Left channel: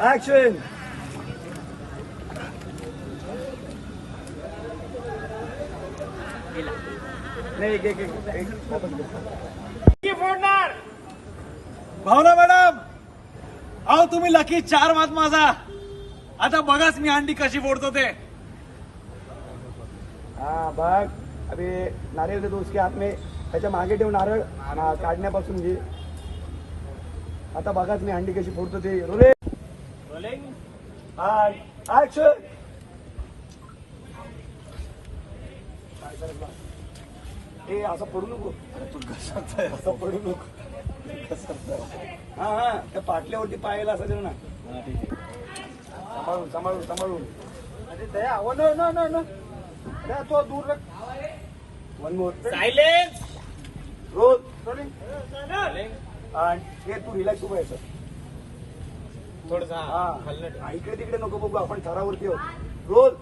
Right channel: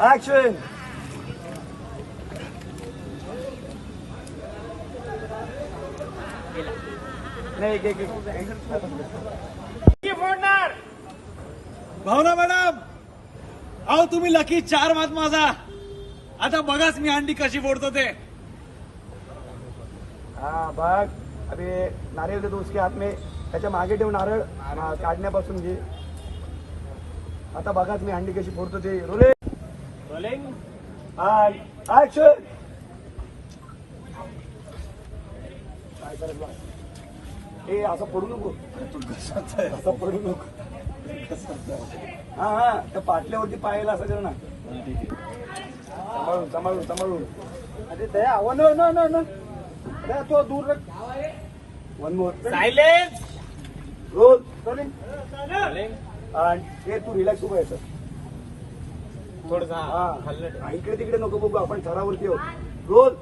Action. नाही फोडणार. भावना madam, अहो तुम्ही लकी 4 वाज माझा. आता बघाच मी अंडी कशी फोडतो ते. हाँ बघ, अभी नारियल दे दो उसके हाथ में. त्याच्या मागे ठेव नारळ काढण्यापासून घे. आता बघाच मी अंडी कशी फोडतो ते. रोलिंग. ऍक्शन. हे असं फोडू नको. असं फोडू नको. हा हा, त्या पाटल्यावरती पायाला असं देऊ ना. सांभाळून सांभाळून सांभाळून. तो दूर. One more. सायलेन्स. रोल. आणि तू रिलॅक्स उभं आहे थोडं हा, इकडे तिकडे नको बघू, आपण थरावरती आहोत. रोल.